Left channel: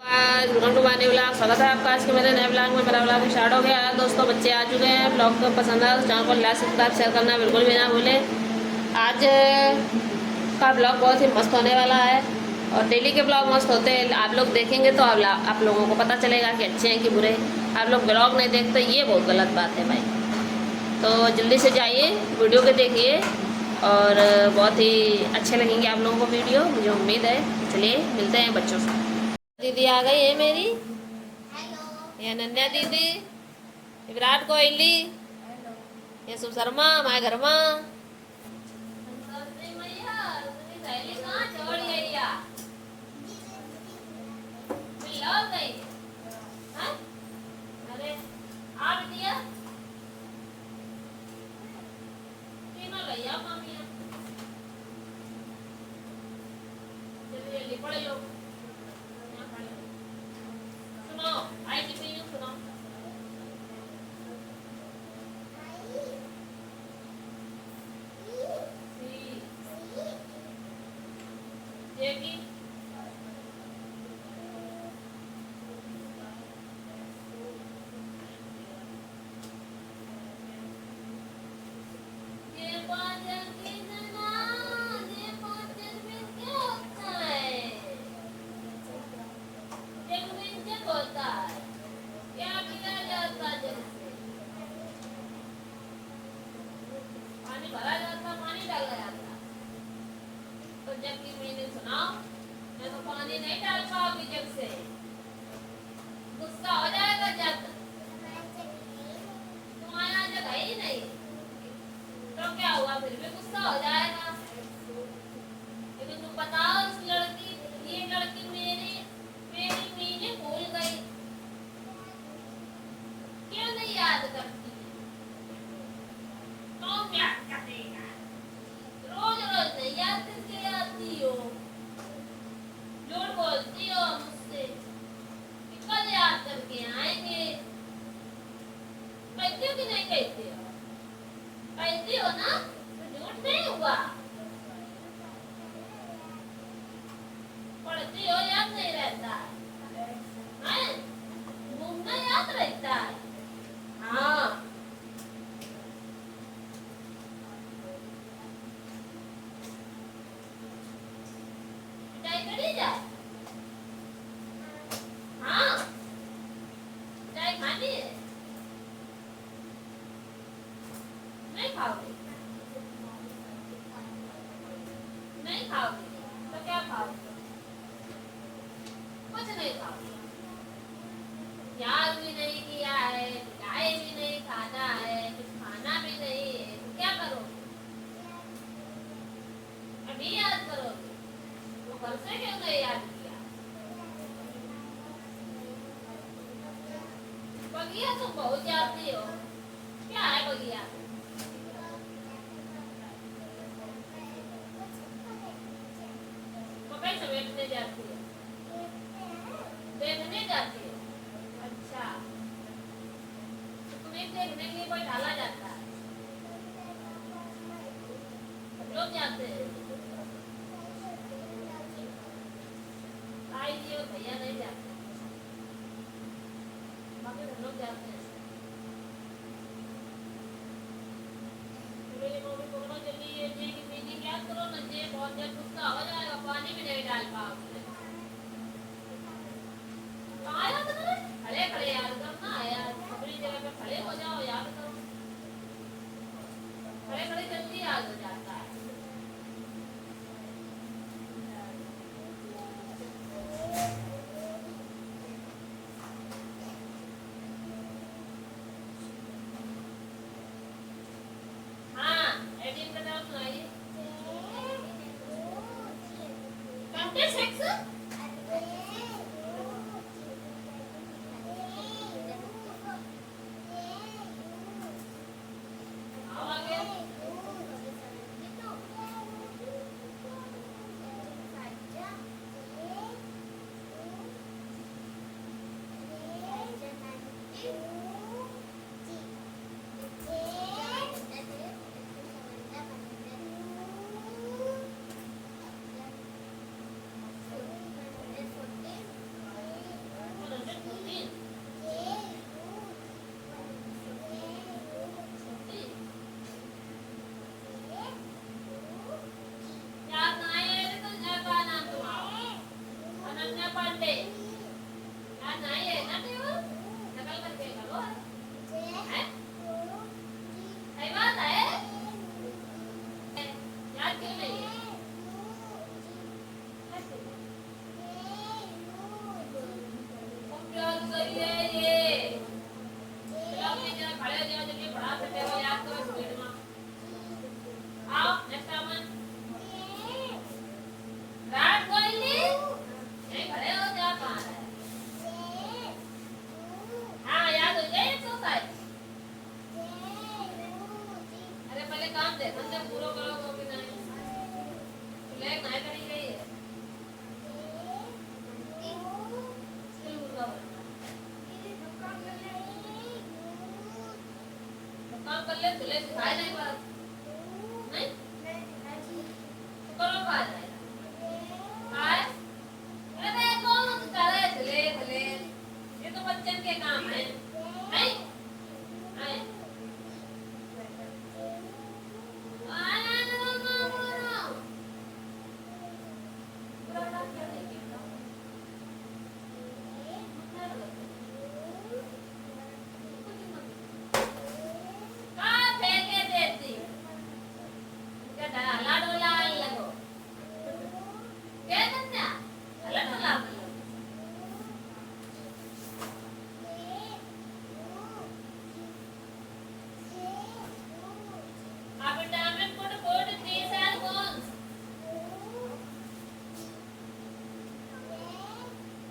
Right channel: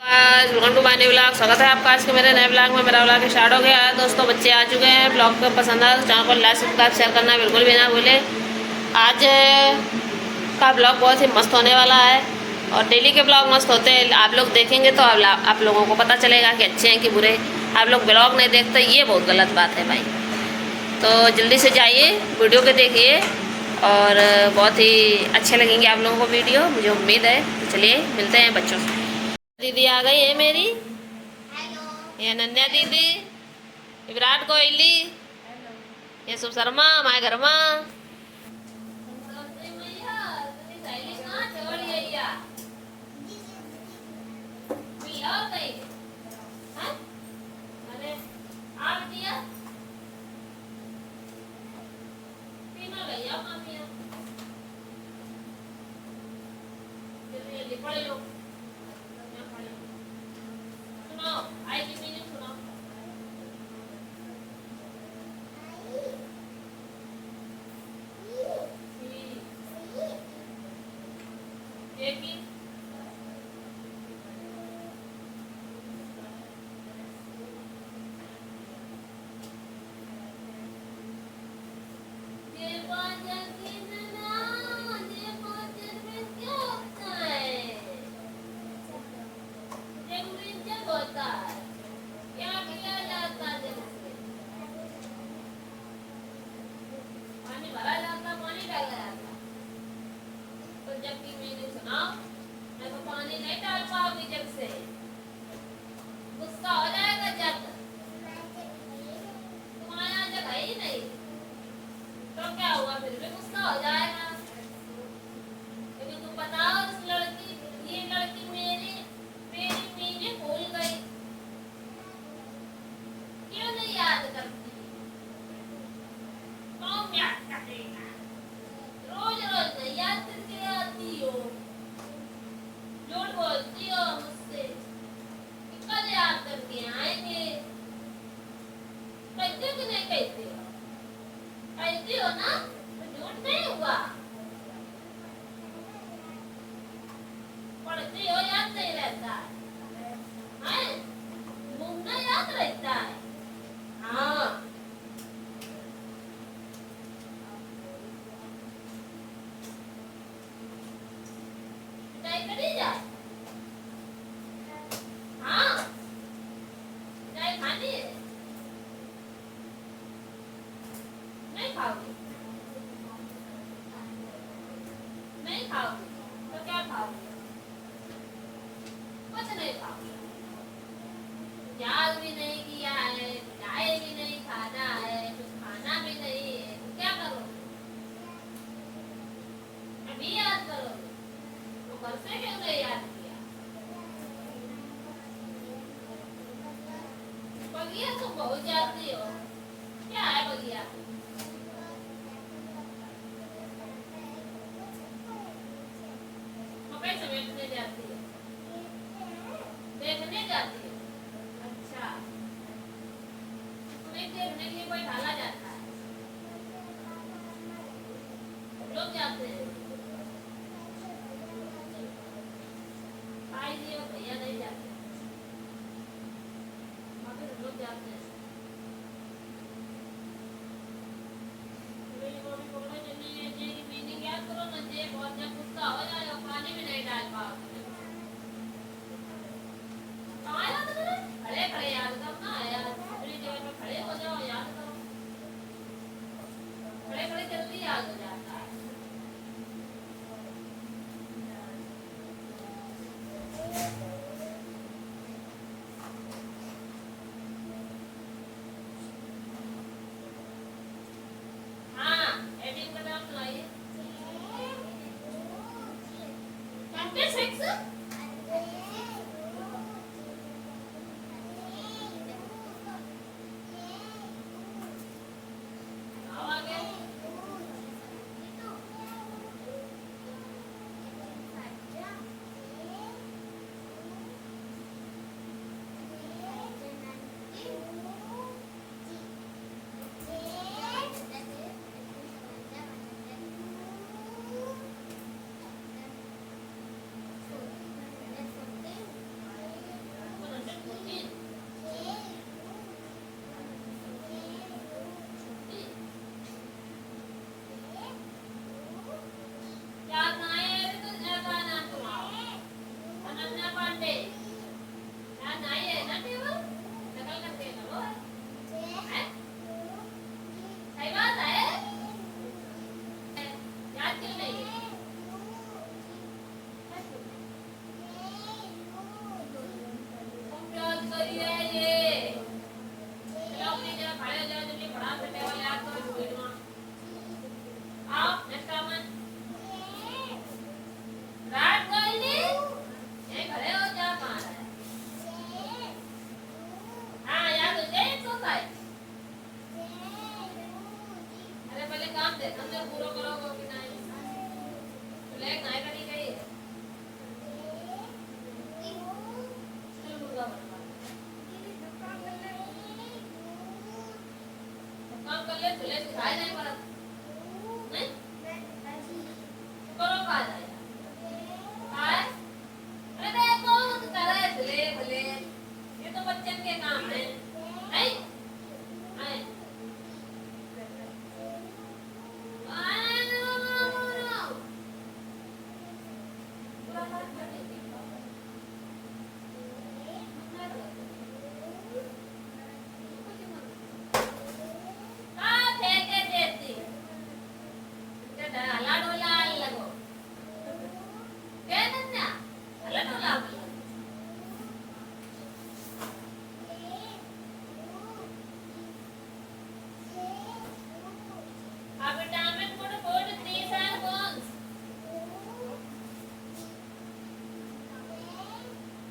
Welcome to my new blog. स्वागत है आपका आज के मेरे नए ब्लॉग में। मेरा ब्लॉग स्टार्ट हो गया है दोस्तों। बच्चे आ चुके हैं। ब्लॉग को पसंद आया तो चैनल को लाइक सब्सक्राइब शेयर करना बिल्कुल भी ना भूले। आज का ब्लॉग बहुत ही मस्त होने वाला है और डेली के ब्लॉग मस्त होते हैं। आप लोग देखेंगे तो आप लोगों को पता चलेगा कि अच्छे हैं कि बुरे। आप लोग ब्लॉग नहीं देखते, ये बहुत गलत बात है भाई। तो जल्दी से जाइए, वीडियो के देखिए और बहुत ही अच्छे लगेंगे आप लोगों को वीडियो, मुझे उम्मीद है। तो चलिए मिलते हैं बच्चों से। दीदी आ गई है मेरी। ये अनन्या दीदी, विराट कोहली, ये शुभ शर्मा हमारे घर में। पढ़े लो, सुनो आई की मीनिंग सुनो। देखी जग की मीनिंग सुनाओ। मैं तो पानी नहीं डाल पाओगी जग से, गुस्सा हो जाएगा जग। तुम्हारे यहाँ जग है ही नहीं तो क्या हुआ, फिर भी गुस्सा हो जाएगा। लेकिन तुम बताओ, इस लड़की, ये लड़की मेरी मेरी मीनिंग भूल गई, क्यों नहीं याद करती? कौन याद करेगा? रोज रोज नहीं याद करके आती हो, झूठ बोलती हो मुझसे कि कल याद करके आएंगे। कहते हो कि नहीं कहते हो? कहती हो ना, तो झूठ नहीं हुआ। पढ़ती हो, याद नहीं रहता है, घूमना याद रहता है। हाँ पिटाई करी जाए। हाँ पिटाई खानी है, नहीं खाओगे? नहीं खाओगे तो क्या खाओगे? कुछ नहीं खाओगे। याद भी नहीं किया है, पिटाई भी नहीं खाना है, कुछ खाना भी नहीं है, तो क्या करोगे? अभी याद करोगे तो कल से क्यों नहीं याद किया? बगिया तुम बहुत जाती हो, क्या है बगिया? मकई समेटने जाती है, देखने जाती है। अच्छा, तुम्हें देखने के लिए कोई ढाला जाता है? लोग जाते हैं, भाई जी और भैया नहीं जाते, बाकी सब लोग जाते हैं। मेरी मम्मी पकड़ो जल्दी, ये जे की मीनिंग याद करो ना। जे बहुत जब गुस्सा हो जाएगा, पानी भी नहीं डाल पाओगे। कहाँ याद करो? खड़े खड़े याद करना है यार, अपनी जगह पे खड़े हो जाओ, याद करो। खड़े खड़े जल्दी याद हो जाता है। हाँ एडिंग का नाम सुनाइए। 26 आगे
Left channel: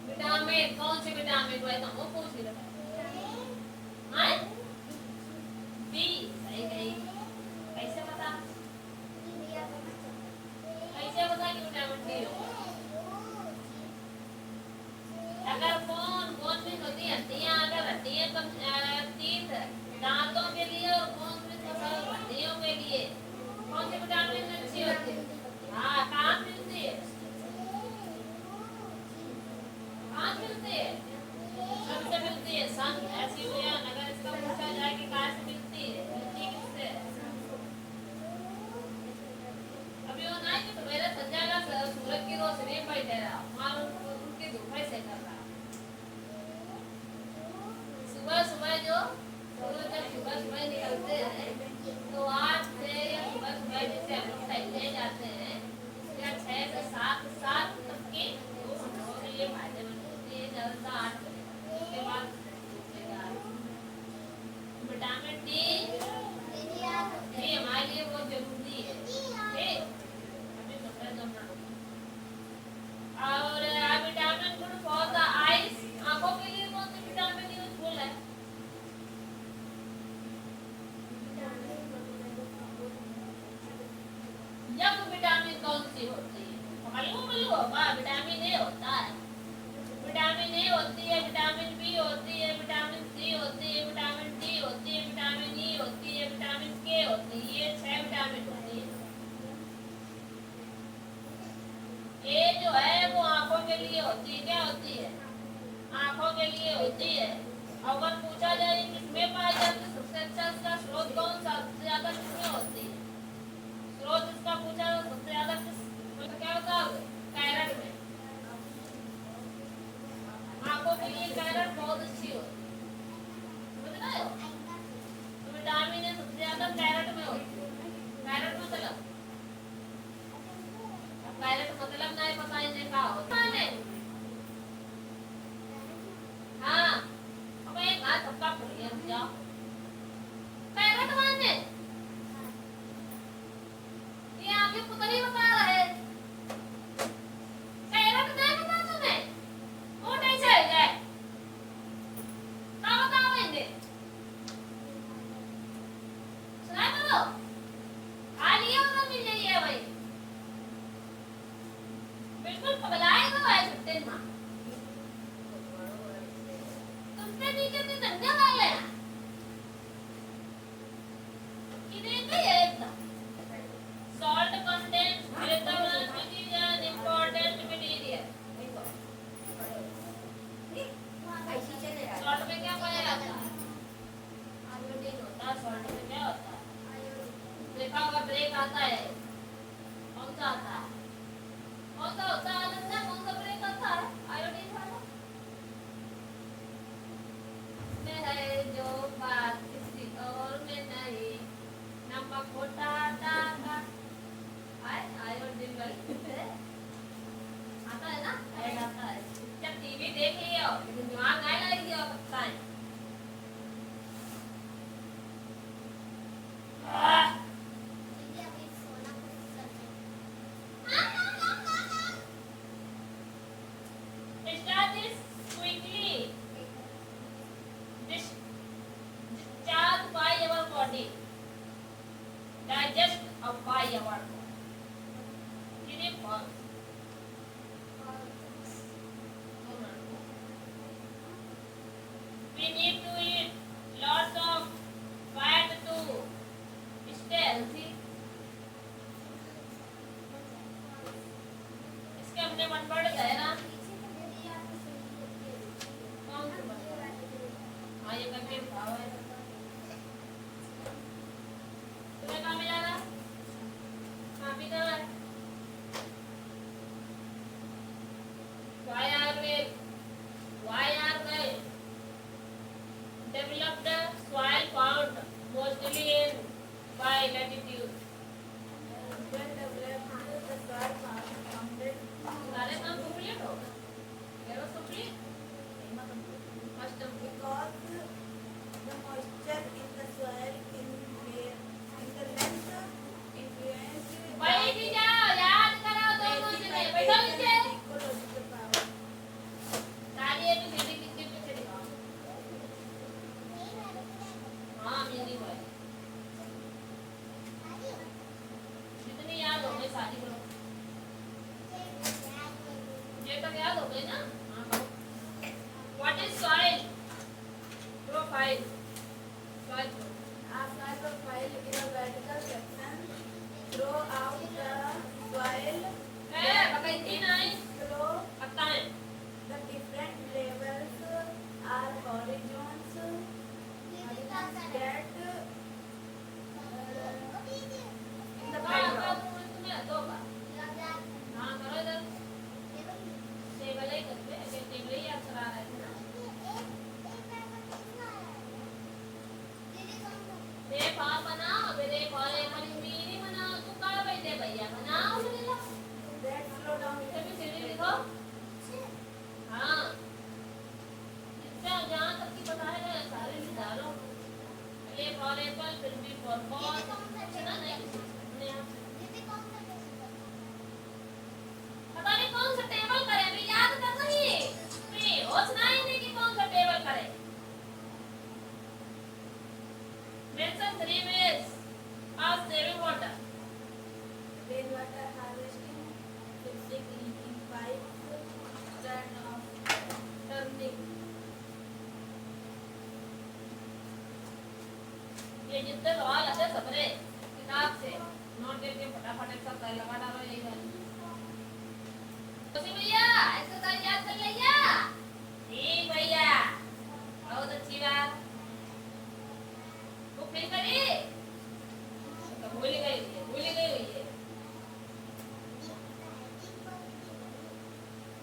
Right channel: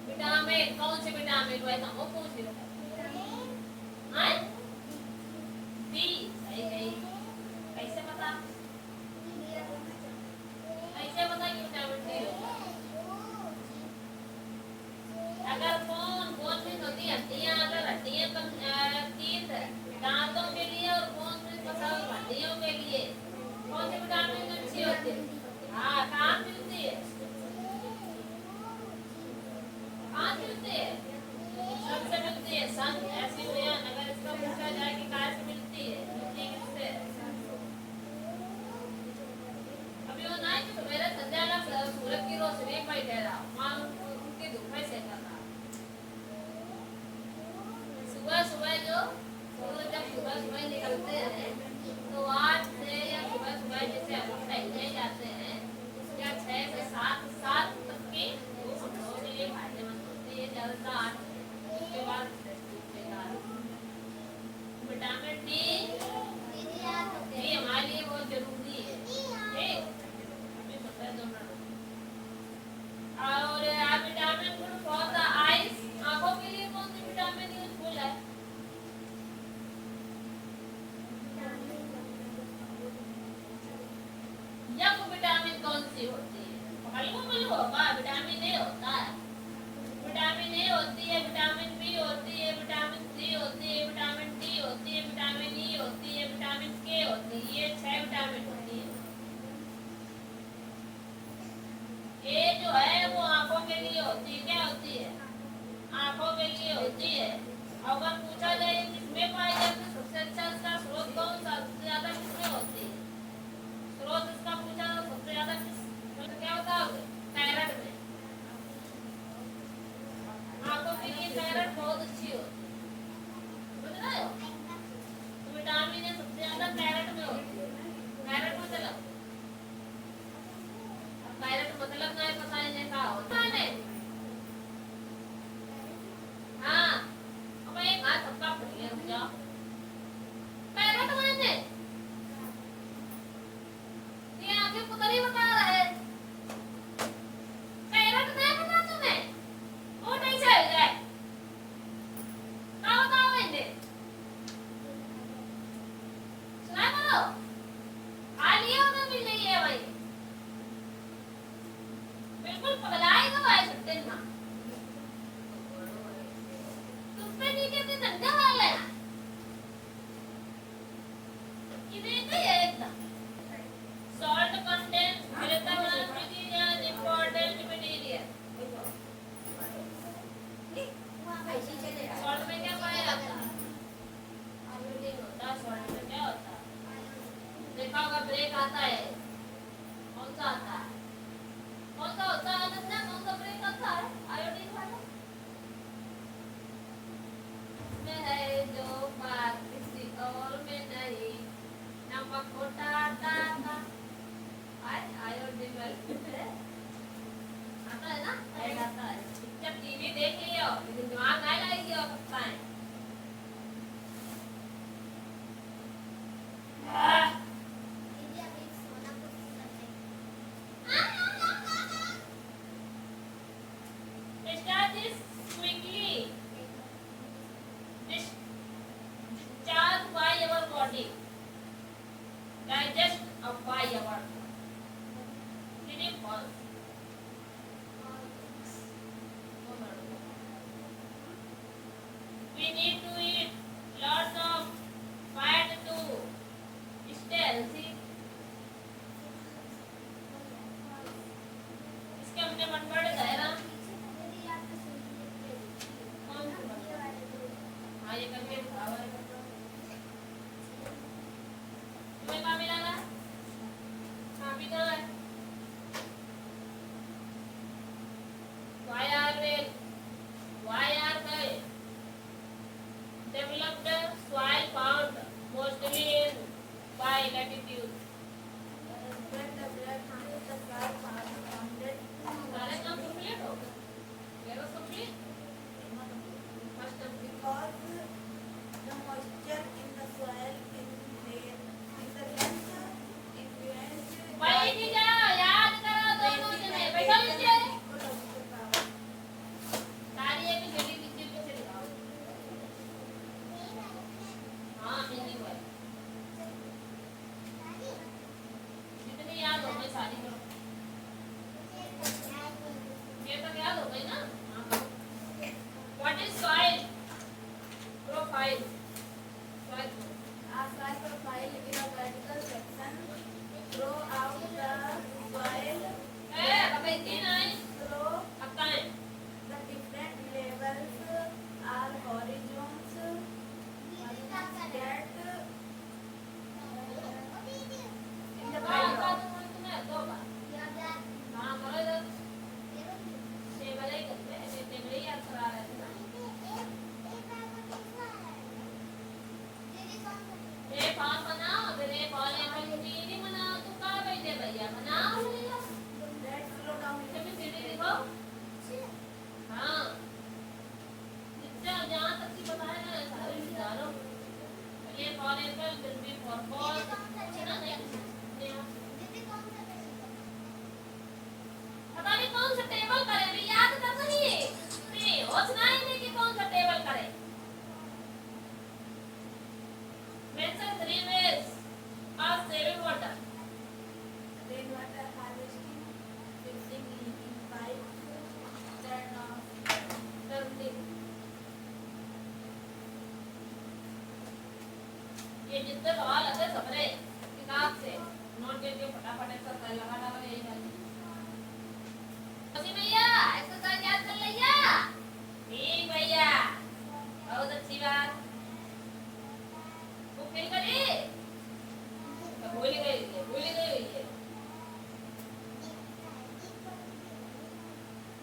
विटामिन कौन से विटामिन को ऐसा वो पूछ लिया हाँ डी सही गई कैसे पता कि विटामिन डी होगा अगर कौन भी होती है हड्डियां अगर हड्डियां तीत दांतों के लिए और कौन सी फसल हड्डियों के लिए कौन सी विटामिन अच्छी होती है हाँ कहाँ मिलती है सबसे मिलती है सन ऐसी अगर इसका पूछा जाए कि कहाँ से मिलती है किससे अभी वो ना कि मेरा संध्या का सूरज की रोशनी पे दे रहा वहाँ उनकी धूप से कर रहा सुबह जो जब सुबह निकलते हैं तो 8 से या सुबह जैसे हम लोग टहलने जाते हैं उसके 6 से 7 तक की ये फायदेमंद होती है ज़्यादा 8 उसके बाद विटामिन डी हमारे लिए बहुत जरूरी है और vitamin good for the eyes आंखों के लिए कौन सी विटामिन यूजफुल है यंग विटामिन कौन सी होती है पकड़ विटामिन ए होता है विटामिन ए होती है विटामिन बी होती है विटामिन सी होती है विटामिन डी होती है विटामिन ई होती है विटामिन के होती है ये 6 विटामिन होती है ए जो है वो आंखों के लिए होती है क्या होती है आंखों के लिए होती है अगर पूछा जाए किसमें पाई जाती है सबसे अच्छा इसका स्रोत कौन सा सबसे ज्यादा किसमें होती है स्रोत इसका पूछा तो सबसे ज्यादा किस क्या बताओगे कैरेट में आंखों के लिए कैरेट बहुत अच्छी होती है समझ रहे हो तो विटामिन ए सबसे ज्यादा कैरेट में होती है कैरेट मतलब कैरेट मतलब नहीं पता इन्हें क्या होता है हाँ अब एक हाथ सबका फट गया रुक जाओ कैरेट माने ये आगे पुतली बता रहे कैरेट नहीं पता तुम्हें वो नहीं चल जाए क्या बताओ इन्हें सुना बोलो खाली होगा मिल रही है भाई बिल्कुल पगलाएगा भाई सत्य मां तुम पे नहीं के धंधा वाले हैं कितने का है एकदम salt content vitamin material important material salt में क्या पाया जाता है आयोडीन होता है सॉल्ट में क्या होता है देखा होगा ब्रेक आता है कौन सा आता है कौन सा होता है अनन्या कौन सा ब्रेक आता है आयोडीन वाला में है देख लियो लेकिन दिमाग नहीं लगाइयो सकता है। Start this quickly. Discharge by our body. Digest of by our body. Did it pause? We need to eat lots of fat to stay healthy. इसके अपने वन वर्ड है ना? कौन से वर्ड? हाँ ये करके दिखाओ। तुम्हें कहाँ मिला था? हाँ भी तो है। Why are we developed soil found mostly in by latitude? सारे काम complete हो? Zero complete? Must have Because the moisture in the soil in the left influence बैठ जाओ, याद करो दोनों जने, बैठो नीचे। ecological power. सारी एक जल्दी किसी पे से दिखाओ। हाँ मिली हुआ है। जितनी याद हो गई सारी करो। ये तो याद हो गई ना? हाँ करो। What is soil profile? Soil profile. A soil profile is a vertical section throughout the soil बताइए नहीं through पता है the different levels are horizons get in the bedrock. तुम्हें दो का हाँ करो इधर टेबल ही करते हैं टेबल ही अक्सर आ रहे थे ना रे फॉल बनाओ रे फॉल एमएलबी बनाओ तुम कहाँ बैठे भैया बनाओ जल्दी Let's slow down. इसे भी सीढ़ी लिखो हाँ जितने जहाँ तक की पता है ना सारे लिख डालो ये फॉर एप्पल फिर भी फॉर बॉल ना नहीं पता नहीं कौन सा टेबल करे मैं याद कर रही मैं होश नहीं कि कौन सा टेबल करे mention 3 ways of saving water Rainwater harvesting, fixing leaking pipes, turning. ये जितने सवाल आते सबरे किताब से नोट करके फटाफट एक साथ लगा डालो यही वाली भैया एक्सरसाइज याद कर लिया ठीक भैया बहुत अच्छी बात वो फिर करी तो भूल गई है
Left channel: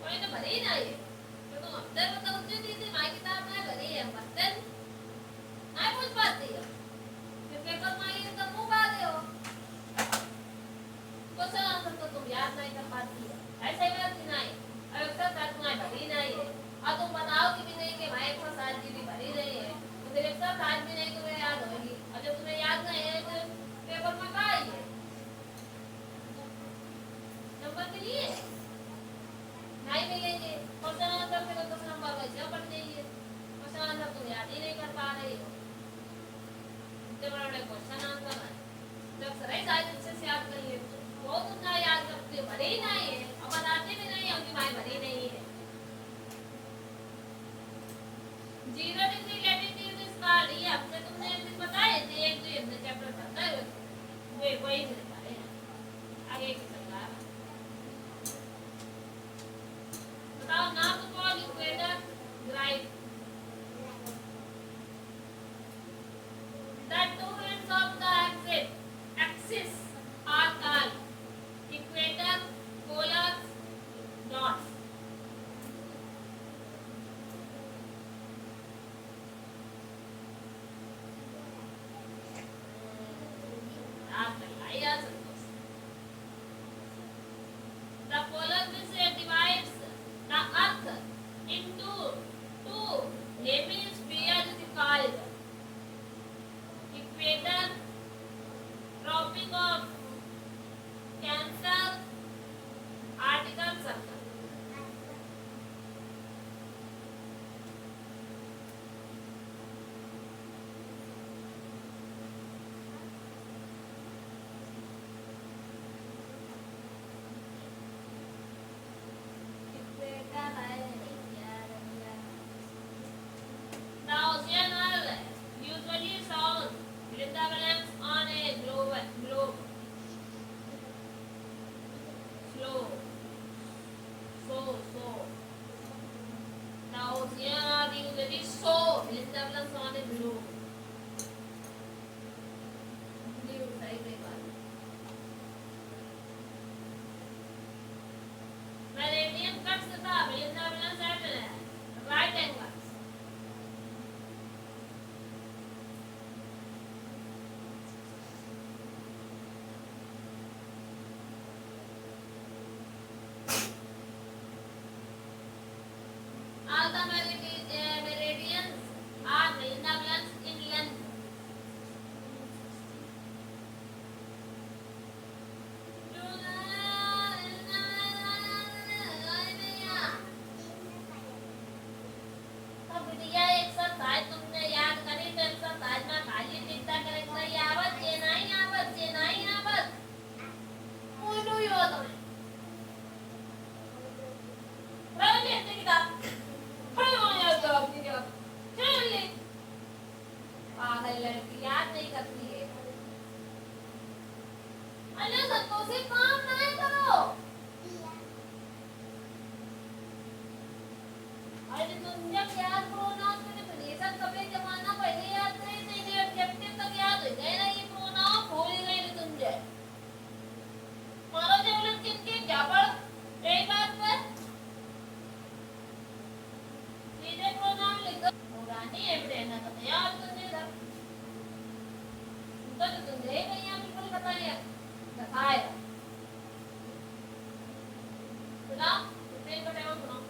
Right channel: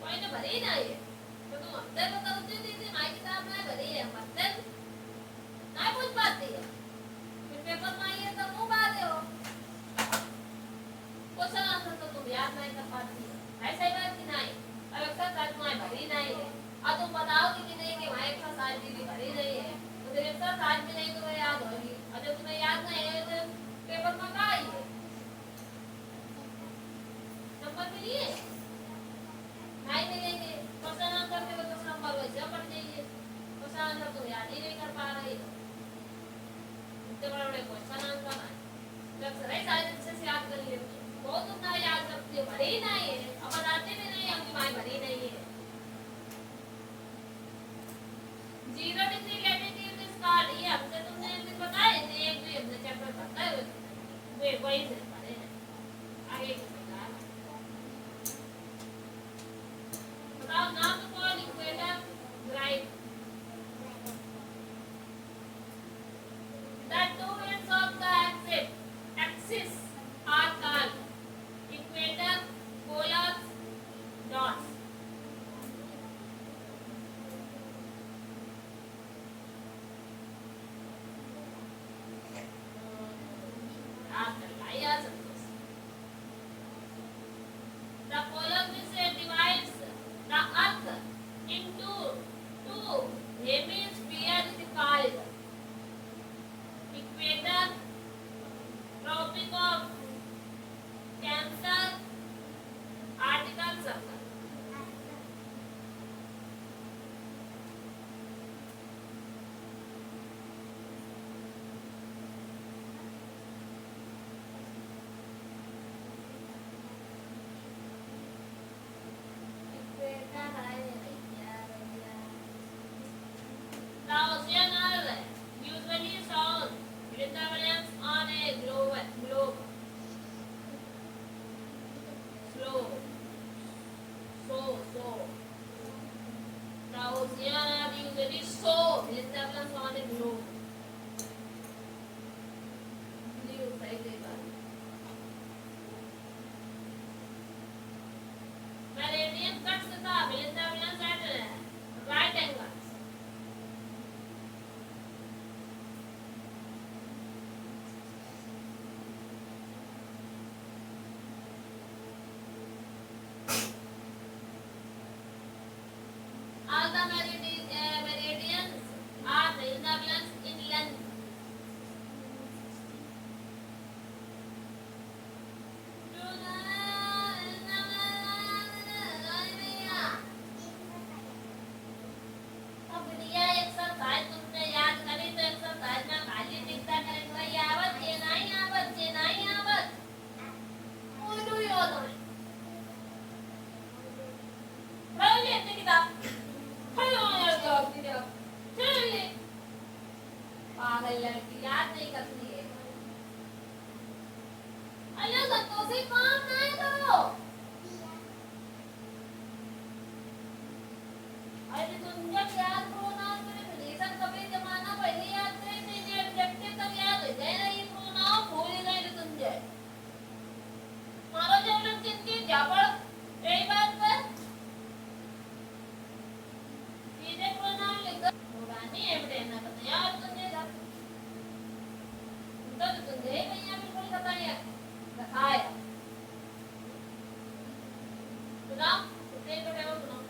कोई तो भरी ना ये तो तुम अंदर बता उसे दीदी माई किताब में भरी है मतलब ना कुछ पाती है फिर पेपर में ये तो मुंह बांधे हो कुछ आंसर तो तुम याद नहीं कर पाती हो ऐसा ही बात की नहीं और एक्सरसाइज तुम्हारी भरी नहीं है और तुम बताओगी भी नहीं कि भाई एक्सरसाइज भी भरी नहीं है तो फिर एक्सरसाइज भी नहीं तुम्हें याद होगी और जब तुम्हें याद नहीं है तो पेपर में क्या है नंबर मिलिए नहीं मिलेंगे क्वेश्चन आंसर से तो नंबर वैसे बढ़ जाएंगे क्वेश्चन आंसर तुम याद ही नहीं कर पा रहे हो इतने बड़े क्वेश्चन आंसर है जब सही साइज से याद कर लिए वो तुम ना याद करते हो भरी नहीं है और बताते भी नहीं हो कि भाई भरी नहीं है 0 डिग्री लैटिट्यूड इज कॉल्ड ये हमसे तुमने एक दिन बताए थे एक दिन हमने चैप्टर पढ़ा है वे वही नहीं पढ़े हैं आगे की सरकार बताओ नाम तो call equator grid the two ends of the axis are called equator polar dots आप लाया Sia, di so, Melinda plus one is blue. Blue side है Meridian cuts the top, Melinda plus at right angles. All the meridians are Melinda plus in length. Exercise तुमने याद करी तो एक्सरसाइज में खाली चिंता करेंगे यावत ये नहीं यावत उल्टू ही हो तुम्हें पढ़ लेते किताब पढ़ लो यार चल ले पागल लड़की याद नहीं करती है अरे संतोषी काम नहीं करो अरे तुम जब याद करो ना मैंने लेसन कभी जमाना पहले याद नहीं नहीं ऑब्जेक्टिव तक याद हो गए ना ये प्रोनाउन भूल ही गए तुम जाए मारो जब किनकी जापड़ एक बात पर सीधे प्रोनाउन लिख दो पुरानी एविडेंस ना तो यार तुमने का तो तुमने भैया बिल्कुल पता नहीं दिखाया सुना ट्रेन का टाइम सुना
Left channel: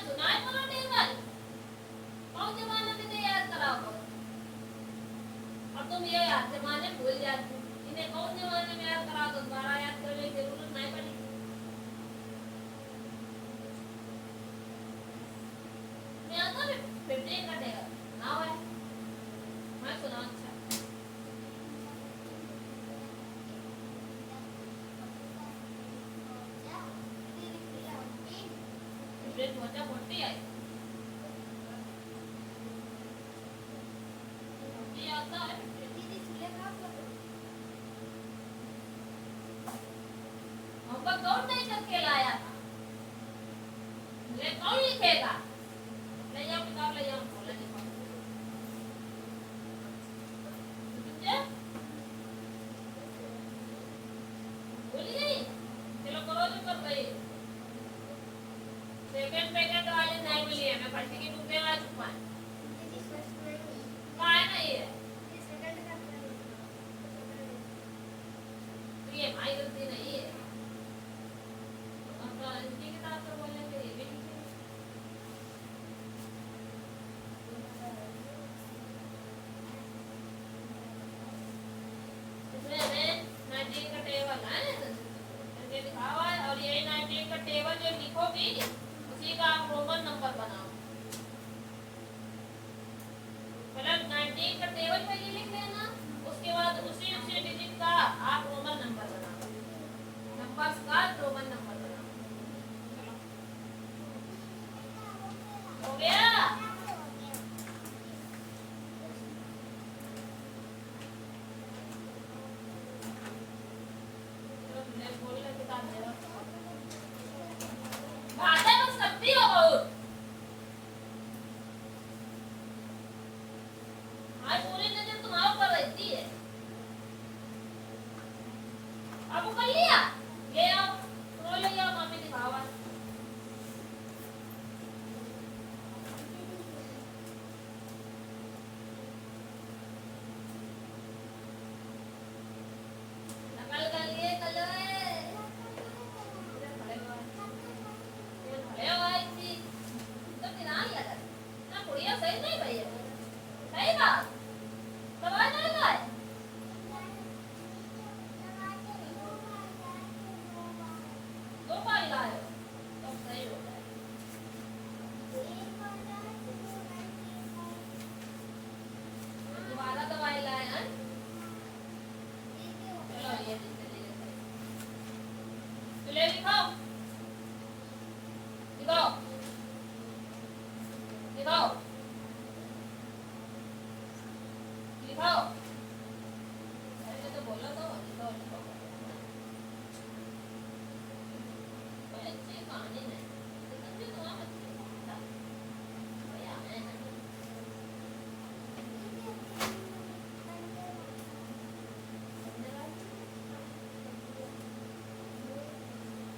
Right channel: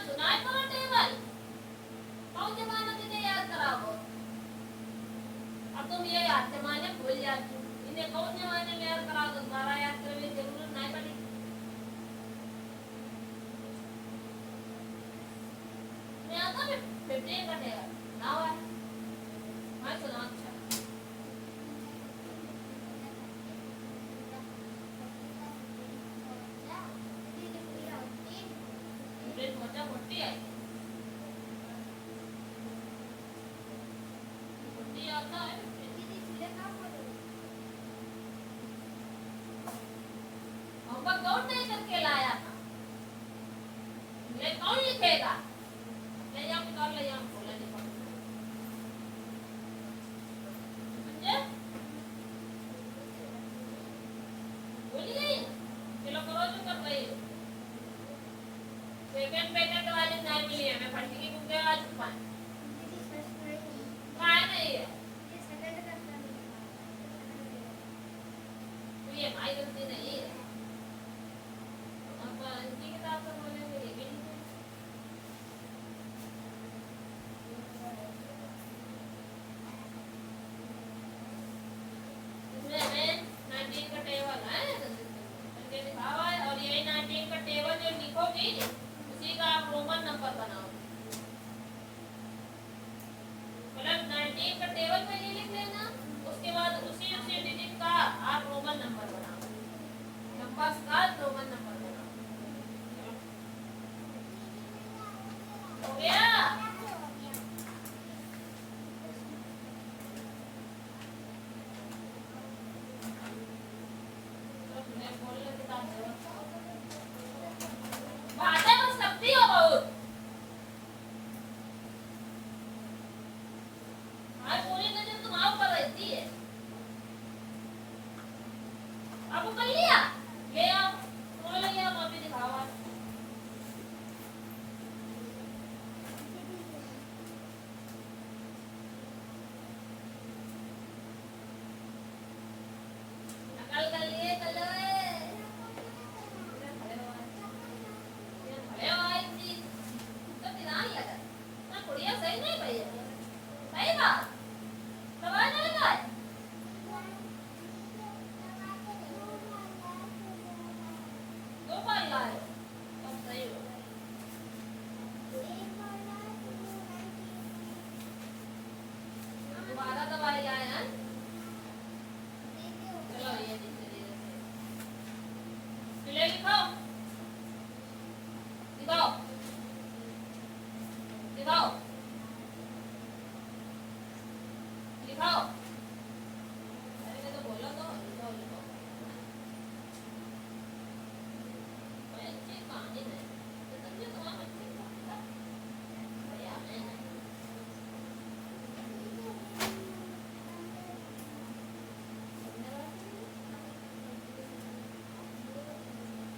सुनाए पूरा टेबल कौन जमाना में याद कराओ अब तुम ये याद जमाने भूल जाती इन्हें कौन जमाने में याद करा दो सारा याद करने की जरूरत नहीं पड़ी मैं आता फिर 15 का टेबल आओ है मैं सुना अच्छा ब्रेक होता मोटी है मोटी आता है दीदी सीधे कहाँ पर हमको कौन नहीं करके लाया था ले कौन लिखेगा ले जाओ किताब ले जाओ बोले नहीं समझे भूल गई चलो करो जो कर रही हो सेकंड पैकेट वाले नहीं मिली है मैं फर्स्ट की बुक में आ चुका है दीदी फर्स्ट नहीं कहाँ नहीं है ये सेकंड का तो ये हमारी गलती नहीं है अब हिंदी किताब का बोलेंगे ये भी ठीक है इसमें हमें 19 का टेबल है ये दिखावा है और ये 19 का टेबल जो लिखोगी उसी का आप रोमन नंबर बनाओ मतलब 19 का टेबल पहले लिख लेना उसके बाद उसी डिजिट का आप रोमन नंबर बनाओ नंबर्स का रोमन नंबर बनाओ हो गया बोलने किताब बातें बस करती हो बहुत आज पूरी नजर तुम्हारे ऊपर रहती है आपको कर लिया ले आओ सुनो ले आओ मम्मी दिखावा नकल कर लिए कल बढ़िया सही नहीं भैया, सही बात दवाई नहीं लगाए। दो बार लाए तब सही हो जाए। दोबारा दवाई लाए हैं। चलो ये ले लिखो, लिखो लिखो लिखो। अरे तो बोलो तो लिखो लिखो। कोई अच्छी कहानी नहीं तो समझे तो हम अच्छी कोई आने नहीं।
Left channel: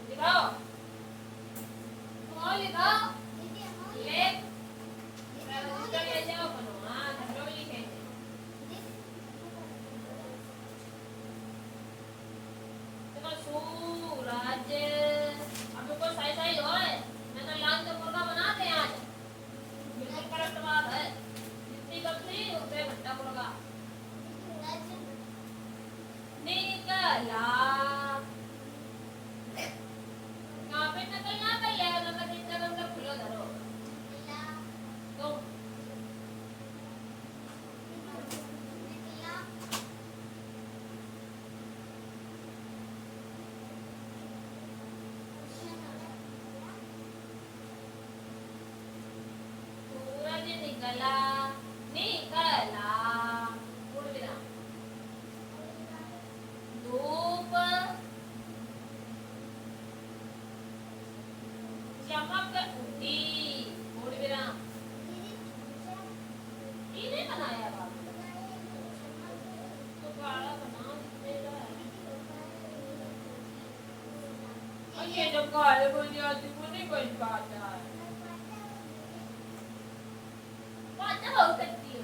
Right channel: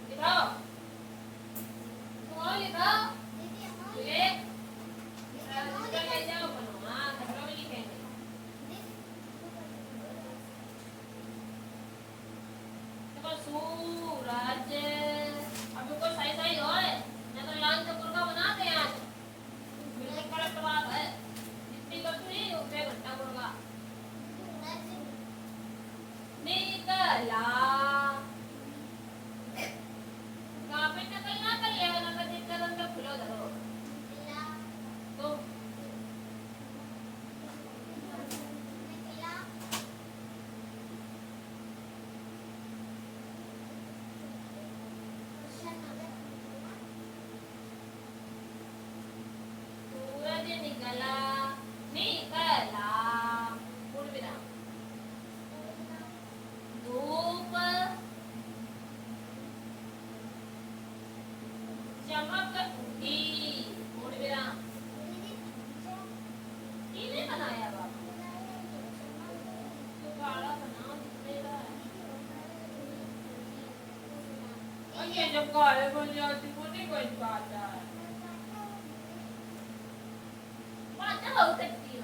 लिखो कौन लिखो ले रजिस्टर ले जाओ बनो। हाँ खतरों में लिखेंगे। देखो सूरज अब जो कोई सही सही हो मैं तो लाइन तो मुर्गा बना दे आज। बिल्कुल करेक्ट बात है। जितनी बदली उतने घंटा मुर्गा निकला। कहाँ पे निकलना कर ले और नंबर देख कर अंदर खुलो धरो तो सूरज निकला निकला पूर्ण विराम। धूप चमक उठी पूर्ण विराम। इन्हें बनाया बाप तो काला बना देगा। और ये जब काले बोल जाती वो नहीं कोई खाता है। बात बहुत करती है।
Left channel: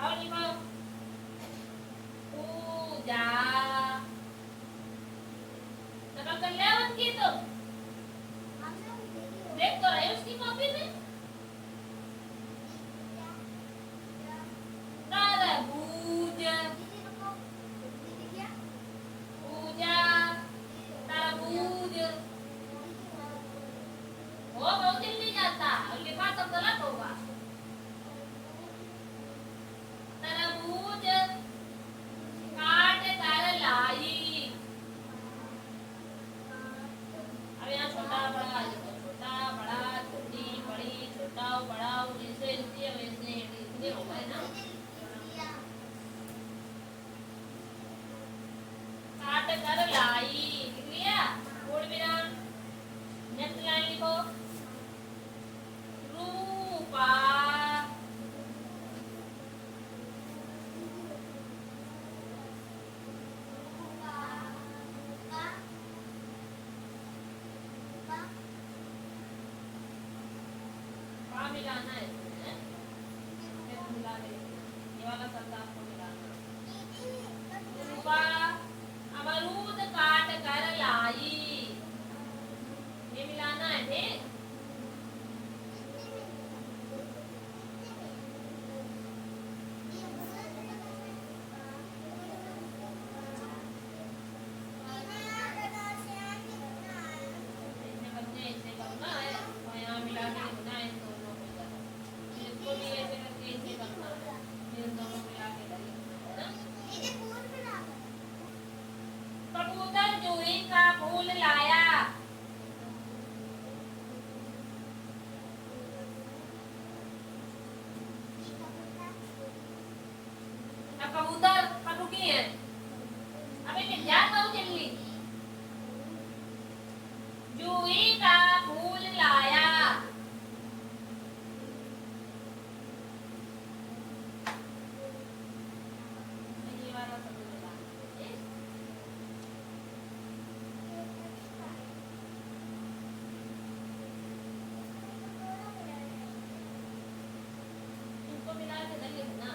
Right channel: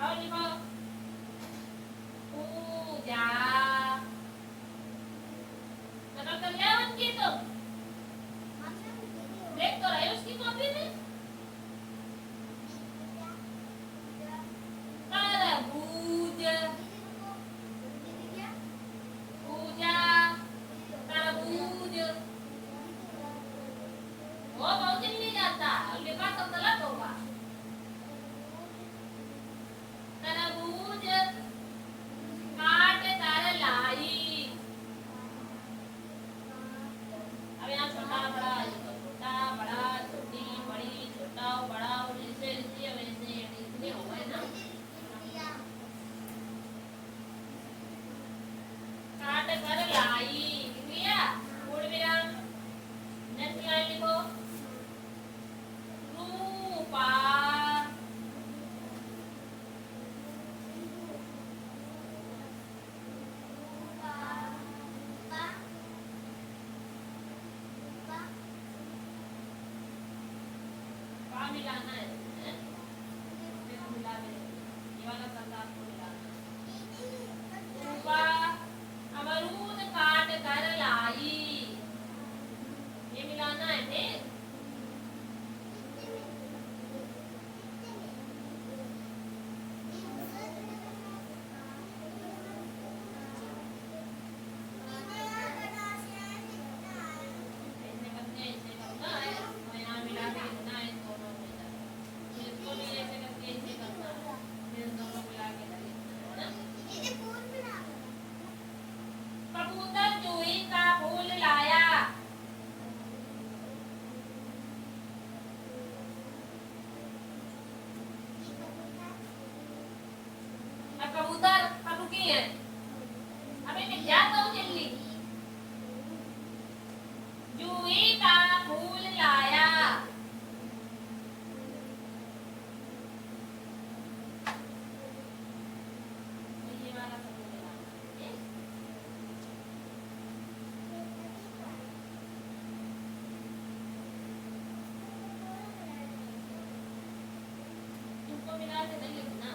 और लिखो पूजा नकल कर ले उनकी तो देख तो रहे उसकी कॉपी में। तरबूज पूजा तरबूज वो बहुत दिन नहीं जाता उनके पास तो गलत होगा। तरबूज काट कर लाई। अब यहाँ छोटा बड़ा छोटा बड़ा छोटी बड़ी छोटा बड़ा जैसे ऐसे वैसे इतने हो गए ना। काट कर लाई लिख लिया पूर्ण विराम। नेक्स्ट लाइन लिखो रूपा पा मिलाना है इसमें, मिला दे ये वाला शब्द आपको मिलाना। रूपा अमरूद काट कर लाई ये मिलाना है ठीक। ऐसे करना है और यहाँ मिला के लिखना है दोनों को इधर। फिर इसको भी ऐसे करके ऐसे करना है फिर दोनों मिला के इधर लिखना है ना। कबूतर जूही का फूल लाया। अब कबूतर अब रुकी है अभी मैं जाता हूँ जल्दी। जूही का फूल लाया। ये वाला शब्द मिलाना है। इसको मिला के इधर लिखना।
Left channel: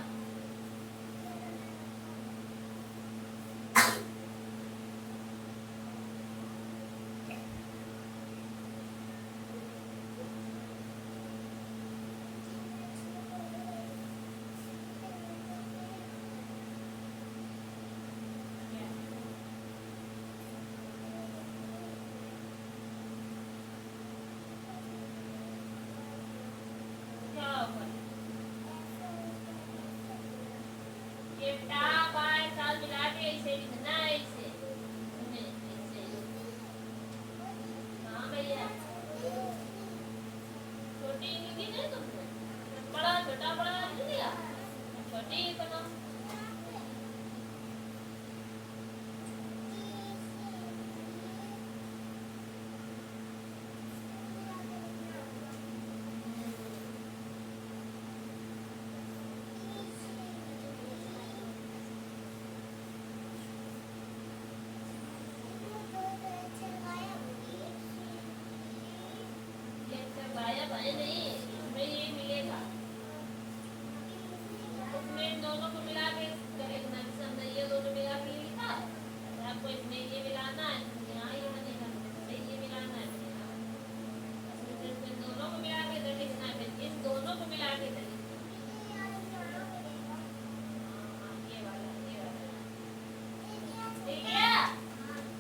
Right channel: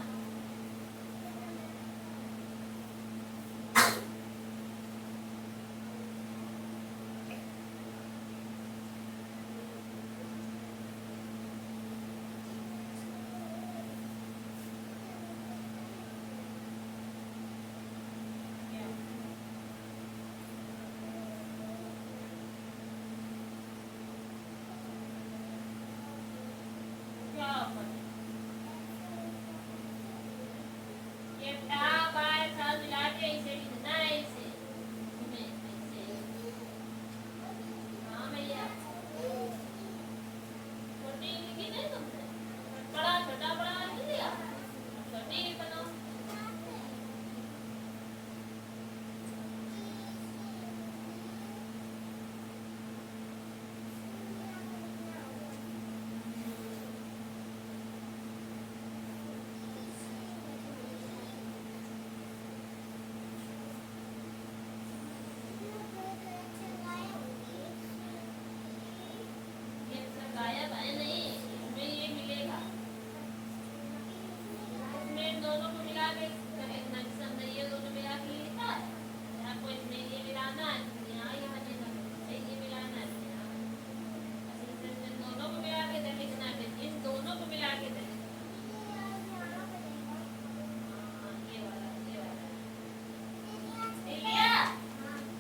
ये टा बाय साल मिला के इसे लिखना है इसे हाँ भैया छोटी लिखी नहीं तुमने बड़ा छोटा बड़ा लिख दिया छोटी बनाओ गायब है नहीं इसमें ये मिलेगा उसमें इन दोनों को मिला के देखना जिससे हमने ये दोनों मिला के लिखा है आपको इसमें ये मिलाना है यहाँ ये बनेगा ये मिलाना है बस इन दोनों को मिला के लिखना है इन दोनों को मिला के लिखना ये वाला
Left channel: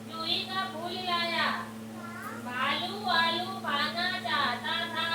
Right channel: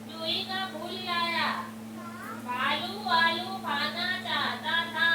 जूही का फूल लाया भालू आलू खाना चाहता था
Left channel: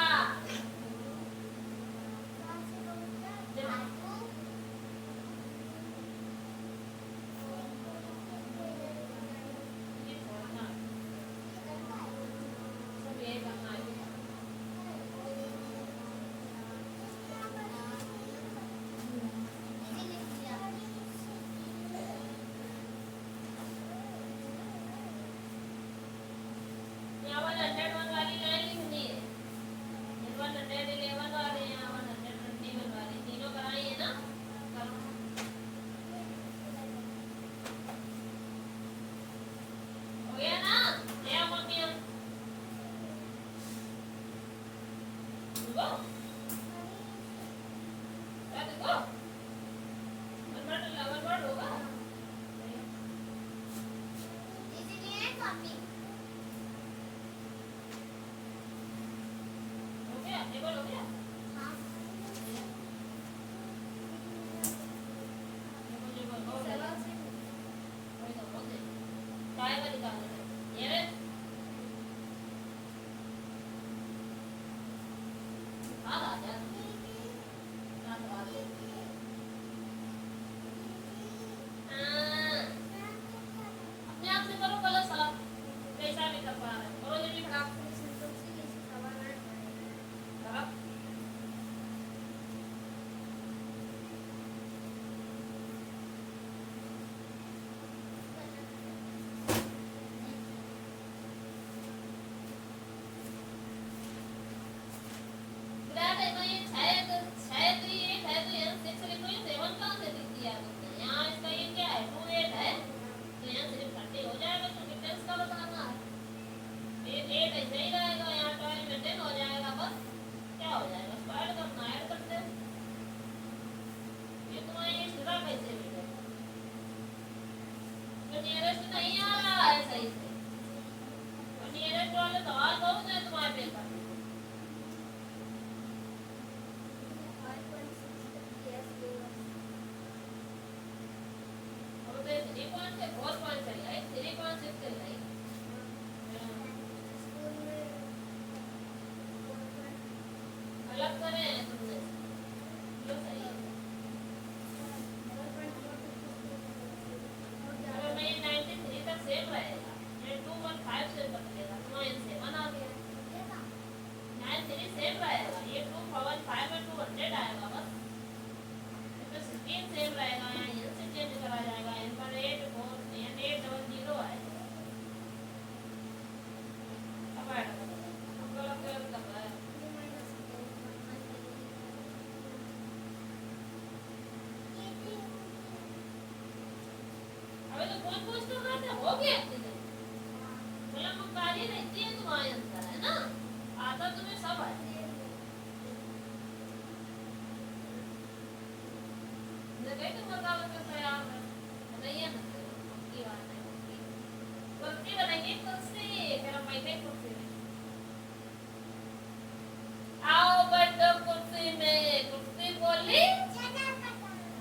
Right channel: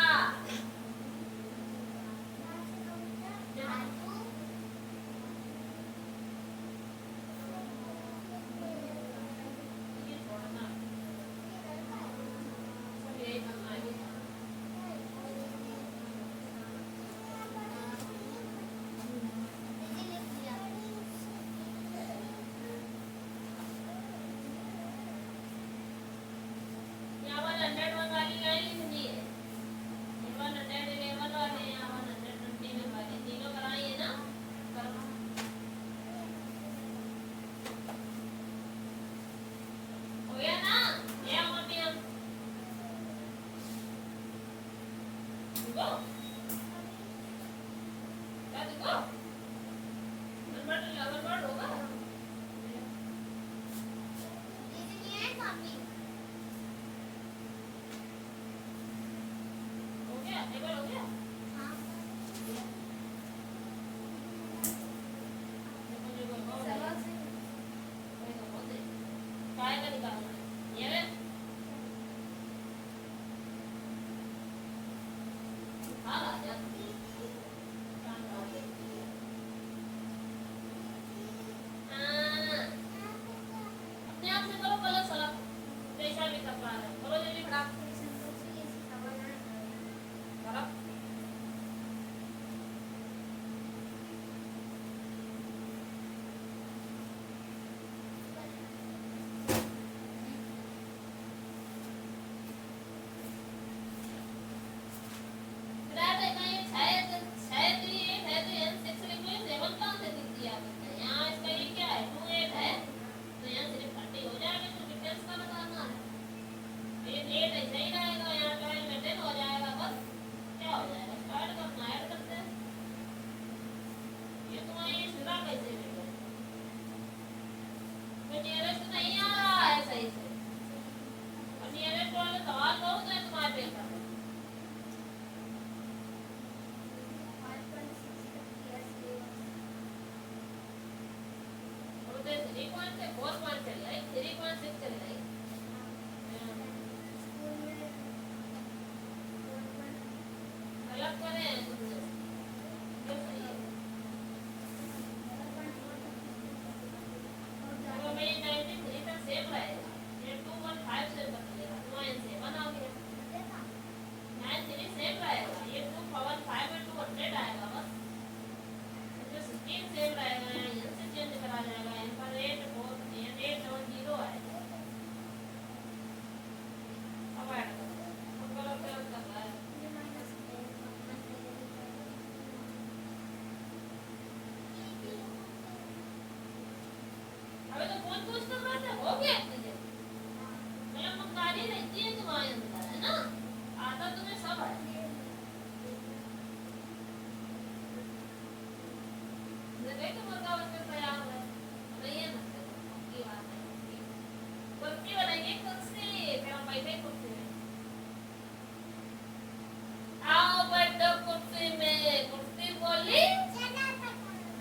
आओ बैठो कुर्सी में कुर्सी बोली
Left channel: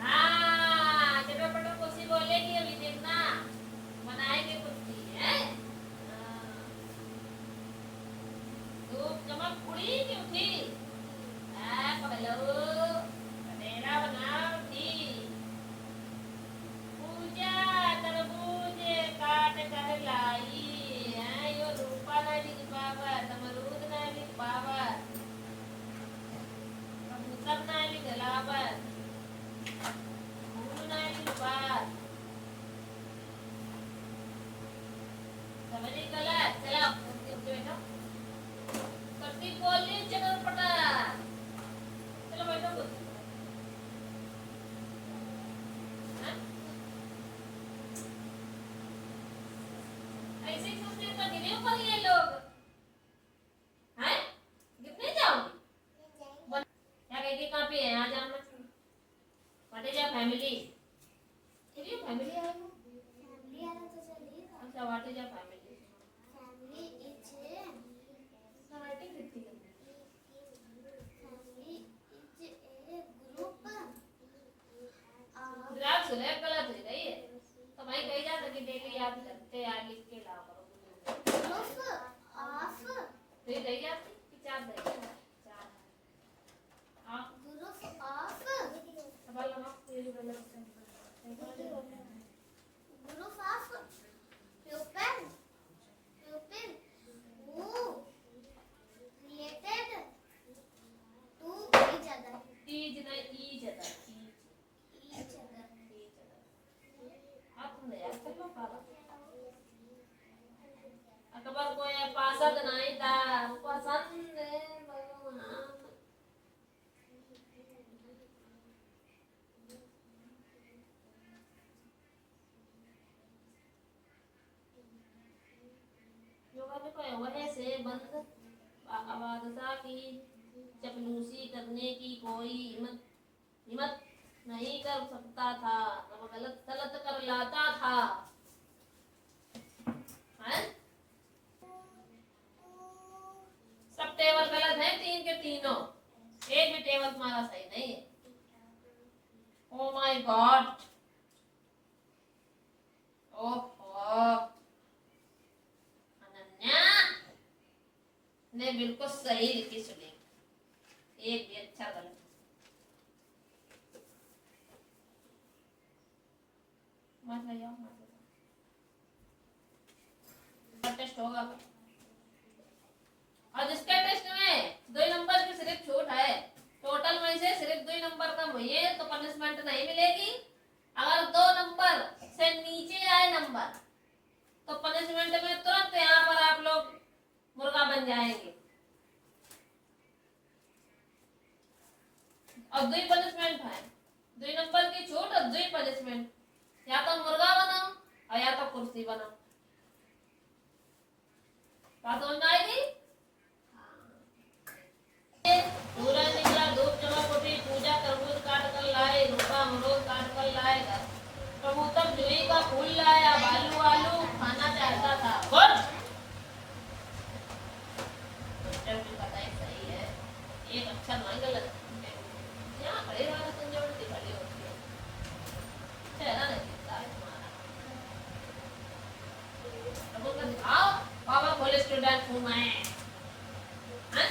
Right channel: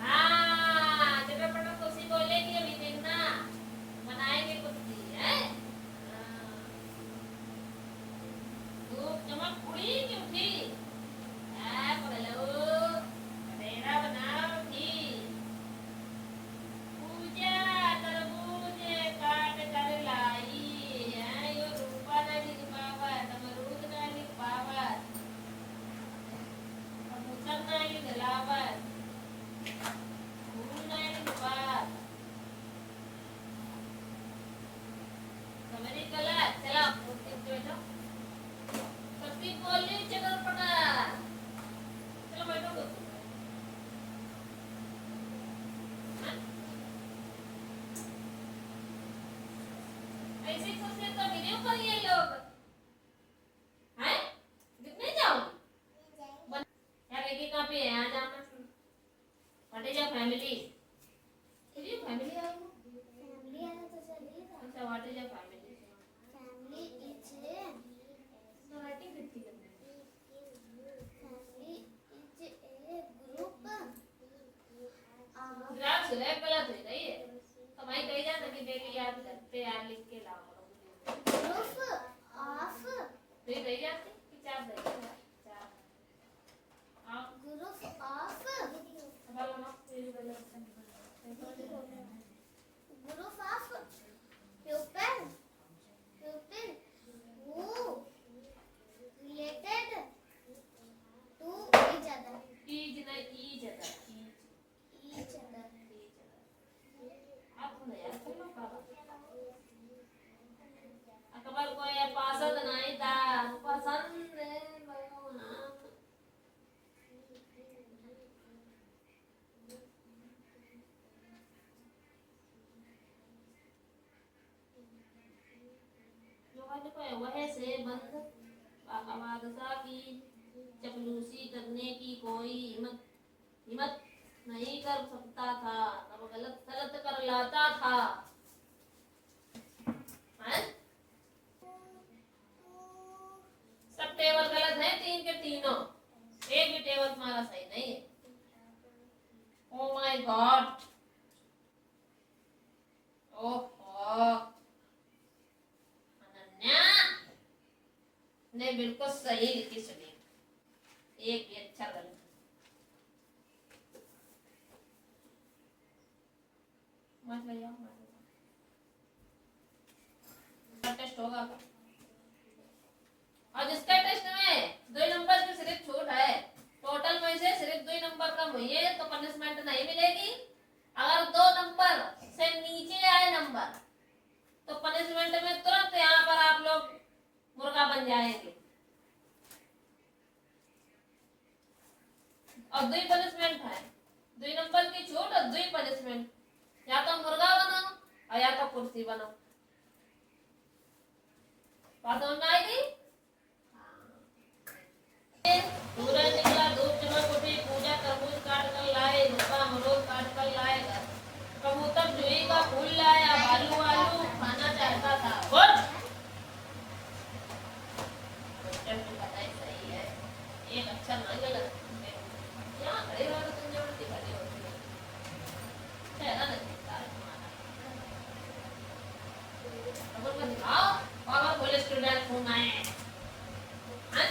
हाँ चटपट कुर्सी बोलेगी अभी देखना बनाएंगे कुर्सी है धूप चमक उड़ी की उठी पहलो पटेरा बनाओ थी नाही त्याला पण नाही बात समझी गलत चलो बैठो करती बोलनी चलो पटा चलो बैठो कुछ ऐसे कुछ देर का वीडियो कर लिए लोग हैं कितने जाओगे क्या कह के कहाँ पे है आज आना व्हाट इज योर फैमिली तेरी फैमिली है वो फैमिली आना तो चलिए अच्छा what is your family family is नवाटी कितनी फैमिली इज ए ग्रुप ग्राफ सुने गलत हो रही है तो भाई कही जा सके डेली याद करते यार लिख के लाओ ग्रुप ऑफ तो ये रही जाती कि चार दे चार हाँ ग्रुप ऑफ पता लगा तेरी वजह से group of pupil who related to each other each नहीं ईज अदर each other आप नहीं यार कर लो बाबा अकबर को ये पसंद नहीं था पसंद है भगवान जो वाले को है वह से बंद बादशाह की चपलूसी करने की कोई हिम्मत नहीं कर सकता था अब गलत गलत कर लाता था हैं? सब टेबल गलत है तीन के तीनों एक भी टेबल तुम्हारा सही नहीं है ओ माय गॉड ओहो अनन्या ने बिल्कुल सही लिखी सुनी एक भी अच्छा गलत मत ले जाओ टेस्ट होगा और जिसके टेस्ट में 2 नंबर की सिर्फ छूट है टोटल में से सिर्फ 2 नंबर कम हुई है तो पनिशमेंट नहीं मिलेगी अगर 2 नंबर से नीचे आए नंबर तो पनिशमेंट में तुरंत यहाँ पर आप लोग मुर्गा बन जाएंगे और 2 पनिशमेंट है 2 नंबर की छूट और 2 पनिशमेंट या तो मुर्गा बनाओ और या तो कुर्सी बनाओ बात समझ में आएगी पूरा निकला धूप चमक उठी पूजा तरबूज काट कर लाए रुपा अमरूद काट कर लाएगा कबूतर जुई का फूल लाया आलू आलू खाना चाहता था बोल बच्चे को पता ही सही है एक अच्छा ना गलत यहाँ खड़े वाला संजोड़ती बड़ी होती है चेहरा नहीं दिखता है तुम्हारा तो दिखाओ बाबा बोले स्टूडेंट हूँ मैं हैं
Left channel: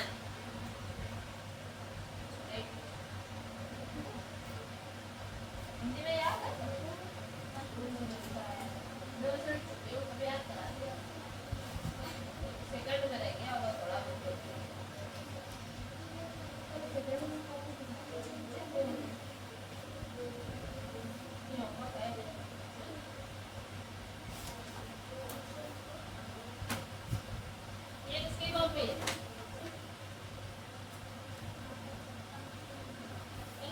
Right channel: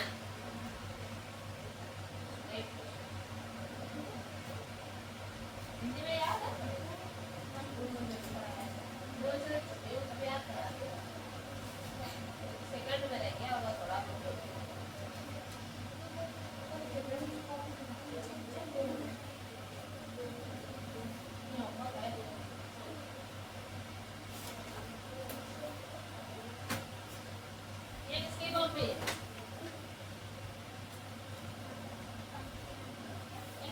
हिंदी में याद है सेकंड में रह गया और थोड़ा ये किसकी कॉपी है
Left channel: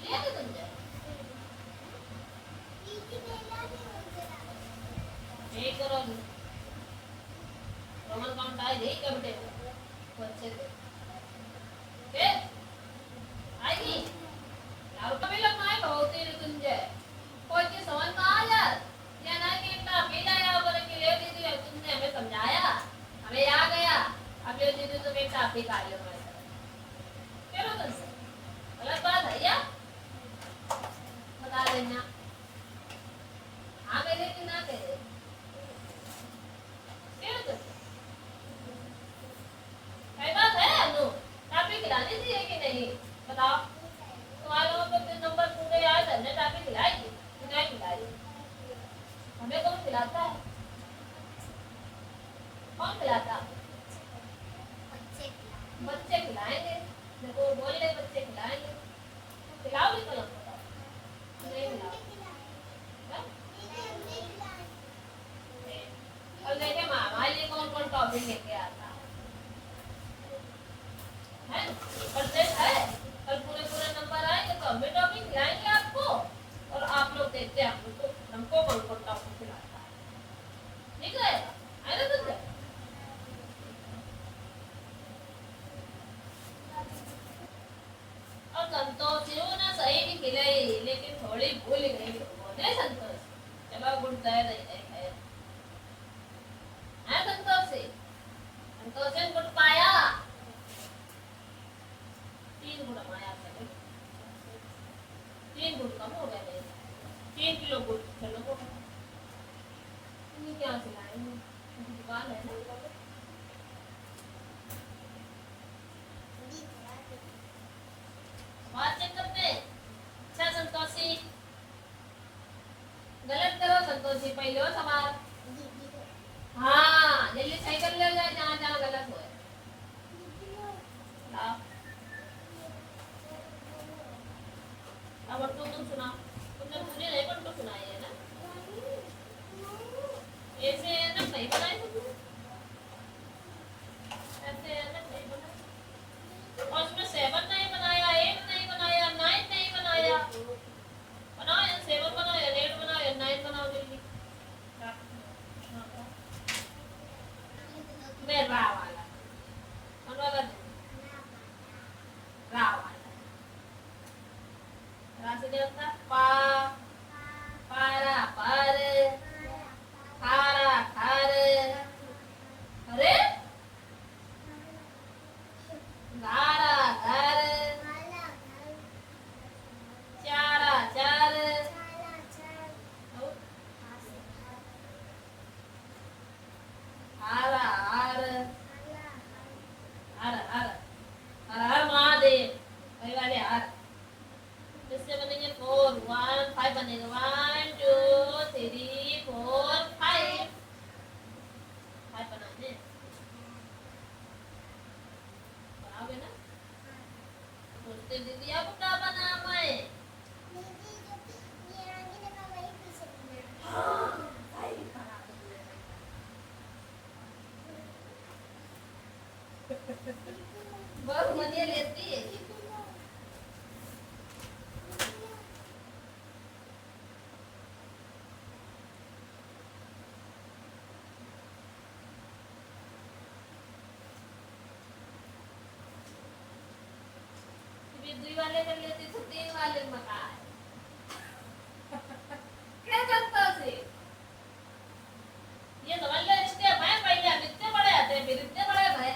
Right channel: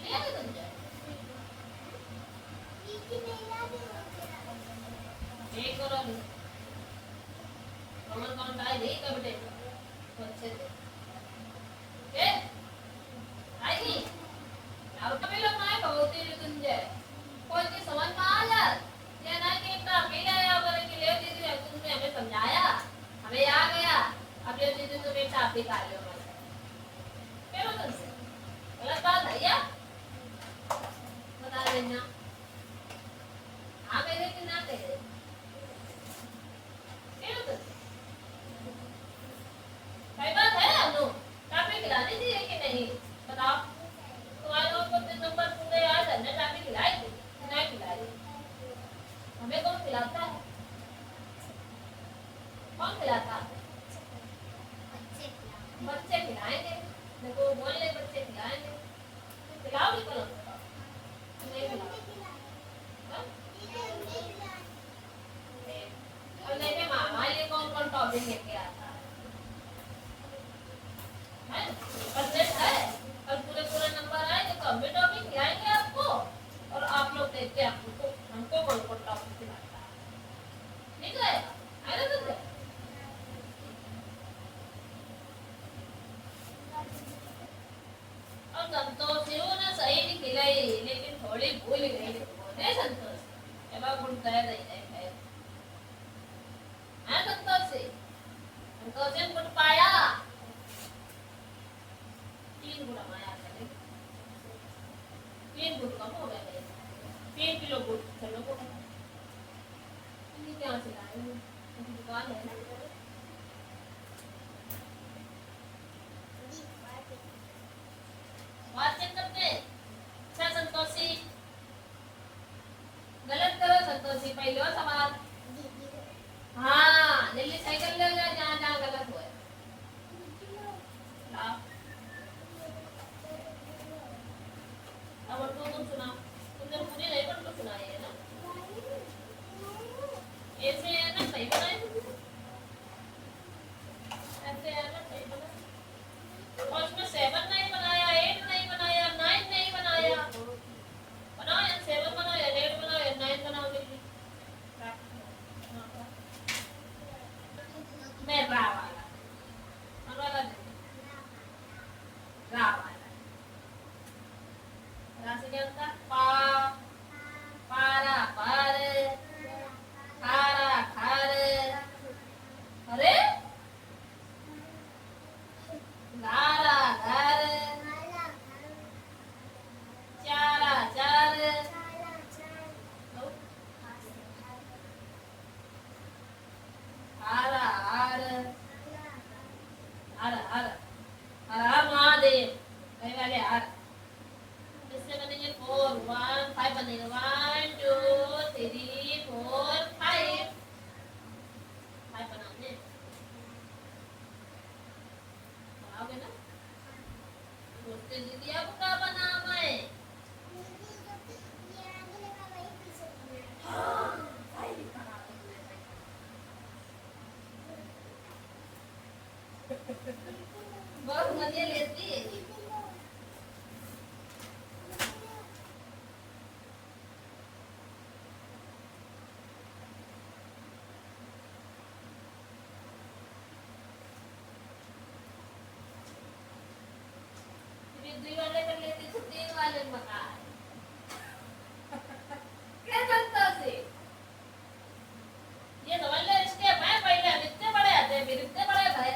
लिया कि तुमने एक और रोमन काउंट आए नहीं कब टे बच्चे के आएगी यार तो भी लोग ना होती है तुझे कोई की समझ में आ जाए ये ना कि इतना फील आया पर कि ले दीदी तुमने हमें समझाया हमें आ गया अब ये दीदी तो एक साथ ही खा लो क्यों तुमसे गलत बात है या बता देना हाँ मेरे की ना कहे क्यों तो सही बात है अनु टापी खिलानी चाहिए कि नहीं बताओ तुम्हारे लोगों को 3 नंबर पूरे याद है ना टापी खिलाएगी नहीं खिलाई हमें कौन खिलाता है कौन खिलाता बच्चे खिलाएंगे देखो बोल ले बच्चे खिलाएंगे खिलाओगी कल नहीं खिलाओगी हाँ? कल देखे मामा ये कौन कौन टॉपिक लेके आता है परफेक्ट है कल पूरे पूरे नंबर आएंगे तो हम भी टॉपिक खिलाएंगे आपको और आप लोग देखते हैं हमको कौन कौन टॉपिक खिलाता है ठीक है आए ना तुझे और संतोषी ने सही भी खिलाई लेकिन थोड़ी भूल गई बोले संतोष जब बुढ़ता है नहीं है संतोषी संतोषी ने गुट पाया 3 गुट बनाया था 3 गुट कम हो गए 3 किलो गुट चलो को क्या सिलाए दुकान है ना बात चेक करते हैं अच्छा संतोषी गलत करो संतोषी पहले हो सवाल हाँ जल्दी सही कर लो जहाँ जहाँ गलत हुआ अब तुम सुनाओ तुमने मुझे नहीं पर सुनाई है ना ऐसे है ना सही बनाए ऐसे है ना सही बनाए और उसमें 7 नहीं बनाया 8 नहीं बनाया 9 नहीं बनाया बनाओ 7 बनाओ 8 बनाओ 9 बनाओ जल्दी मैं रा वाला कौन वाला रा वाला रा से क्या होता है पा पारा पार खारा खार अरे गारा घर चारा चार हारा हार हर हर हर हर महादेव वही वाले हर इससे बनेंगे 4 1 5 बनेगा 1 2 3 4 5 बनाने बनाओगे ना सोचते दीदी अब क्या बना मैं बहुत मजे लेती है वाले कर लेती तो 3 वाले मका क्या करता से ये समझ ले स्टेप है पहले हम इतने बड़े आते हैं फिर इतने बड़े गए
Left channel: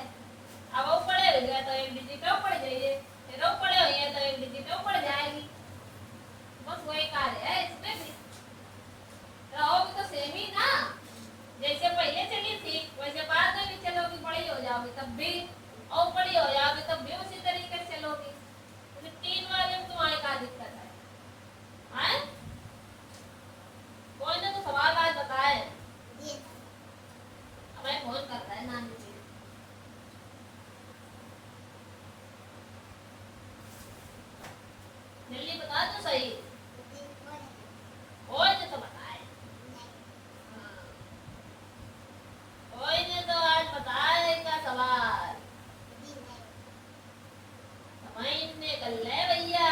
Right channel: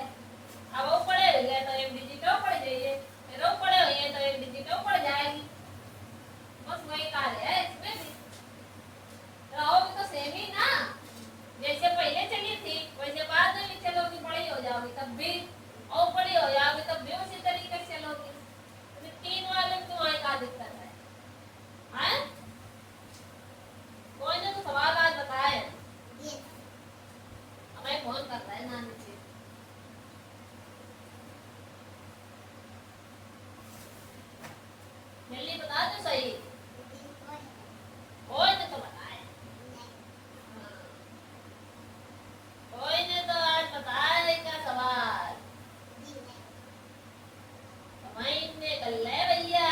अब वो पड़े रह गए तो एक डिजिट पड़ जाइए फिर वो पड़े हुए तो एक डिजिट पड़ जाएगी बस वही कार्य है इसमें भी रहोगी तो सेम ही ना जैसे पहले चली थी वैसे बाद में भी चलोगी बड़ी हो जाओगी तब भी और बड़ी हो जाओगी तब भी उसी तरीके से चलोगी 3 वाले में तुम्हारे क्या दिक्कत है हैं कोई ना तो सवाल आज बताए हमें फोन करता है नानी जी जल्दी बता दो सही कोई ना तो बताए कोई ने तो आज बताएगा सवाल ने कर ले भैया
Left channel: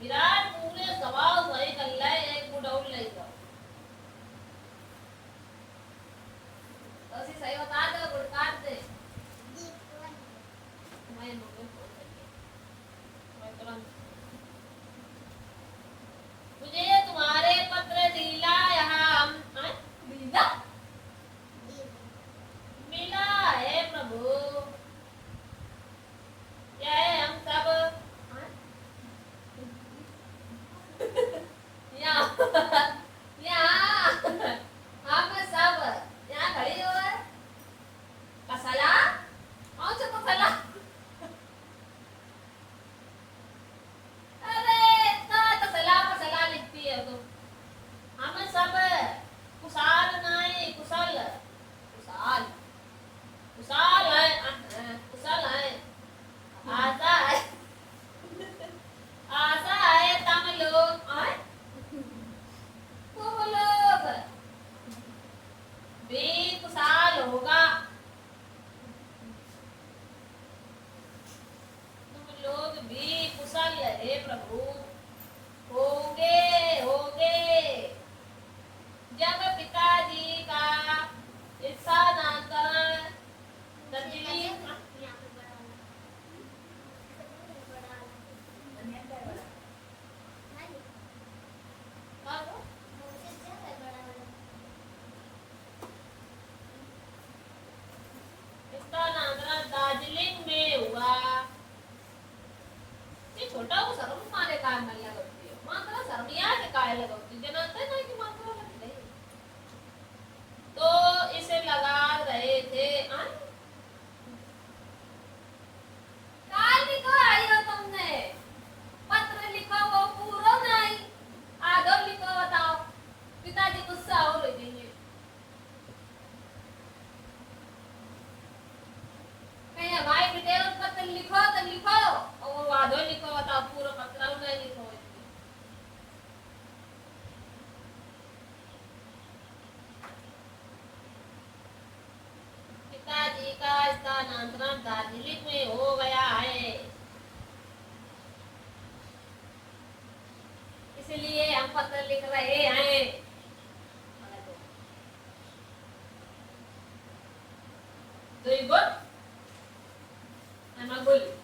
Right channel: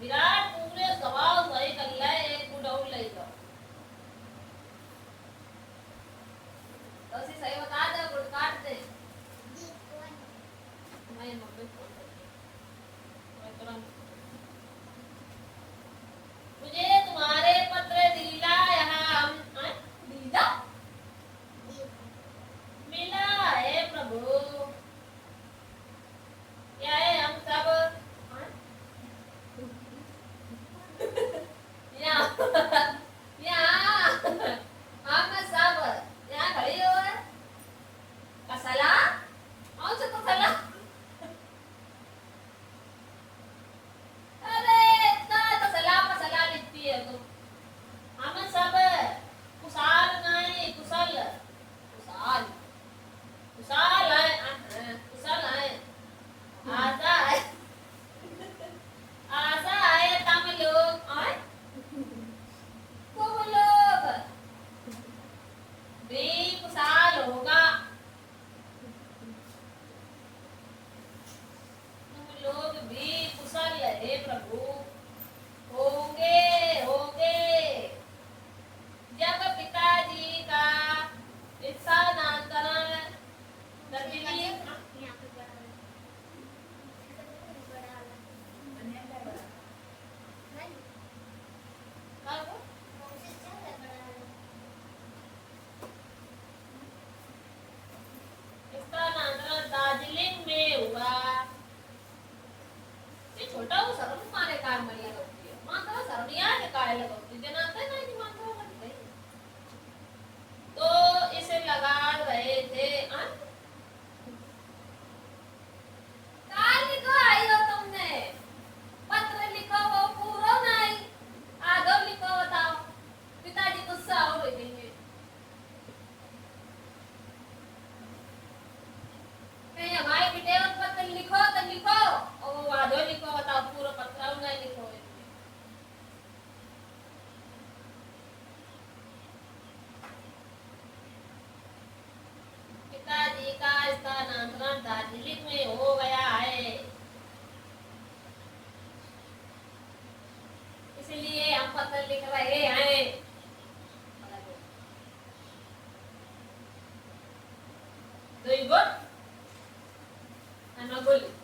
विराट पूरे सवाल सही कर ले एक गुड आउट ले तो सही बता दो गुड काट दे मैं मम्मी फोन करके मैं तुरंत हे प्रभु, होंगे होंगे। जब पिताजी का स्थानांतरण दार्जिलिंग दार्जिलिंग में हुआ। ये छोटा वो शर्म मारे कार में लगती है, मात्र शर्म याद है काय लगती जनाते नहीं कि मात्र लगती। तो इसे लगा रहे थे काय लिखो आई हो तुमने, पत्र लिखो वो पूरा नहीं, आधो लिखो बताओ। पिताजी गुस्सा हो रहे थे, कहीं भाई बेटे पत्र लिखो तो लिखो, और आधो लिखो बताओ, पूरा पत्र नहीं लिखो। पिताजी का स्थानांतरण दार्जिलिंग में हो गया है, इसलिए हम पत्र लिख रहे हैं। Very good. And now going.